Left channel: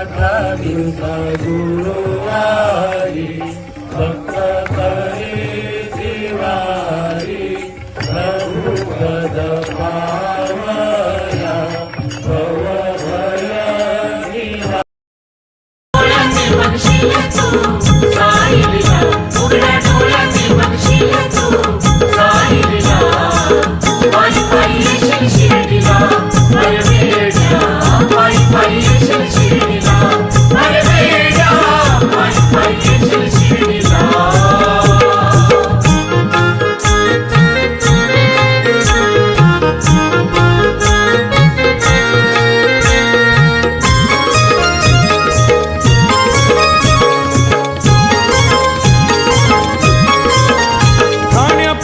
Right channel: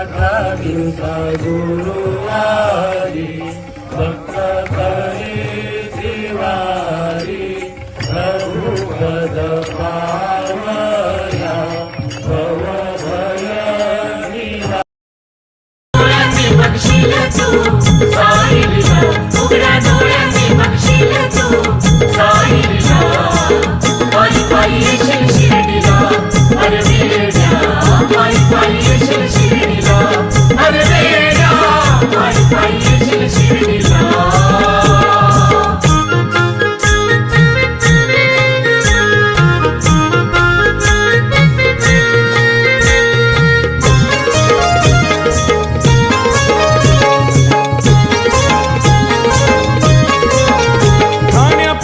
दिवसा गुरुवारी भक्त करी दिवारी प्रभुपद पावया भव भय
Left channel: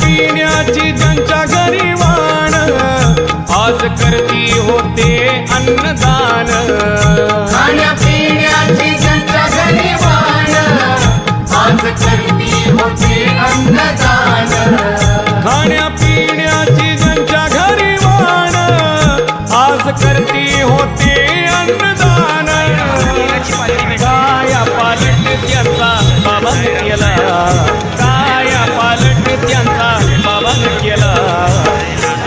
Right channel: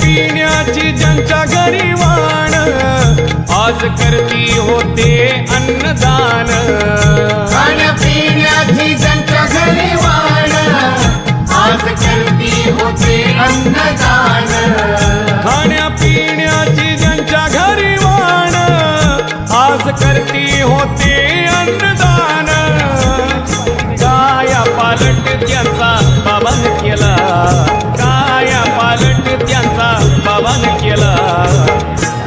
पिण्याची ज्यांच्या घरी वाण आज करती होते अन्नदान। खाण्यापिण्याची ज्यांच्या घरी वाण आज करती होते अन्नदान। खाण्यापिण्याची ज्यांच्या घरी वाण आज करती होते अन्नदान। काया पालट त्यांचा बाबांनी केला, काया पालट त्यांचा बाबांनी केला।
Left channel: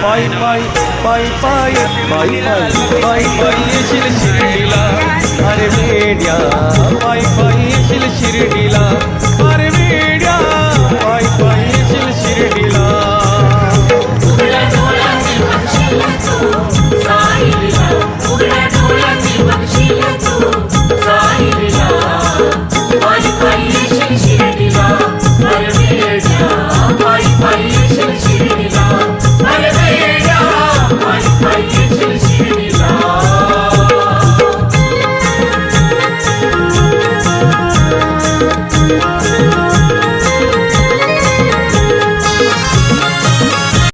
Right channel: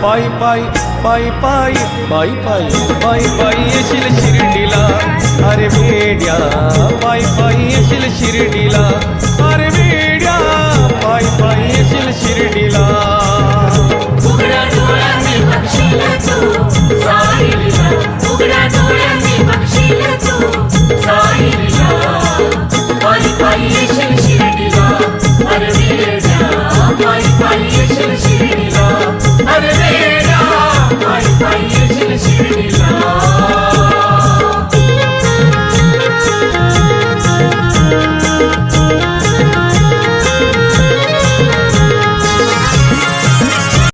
पायी पायी पायी पायी पायी पायी पायी पायी येशील शिर्डीला अरे वेड्या, पायी पायी येशील शिर्डीला अरे वेड्या, पायी पायी येशील शिर्डीला। उघड्या डोळ्यांनी बघशील तू साईला, उघड्या डोळ्यांनी बघशील तू साईला। पायी पायी येशील शिर्डीला अरे वेड्या, पायी पायी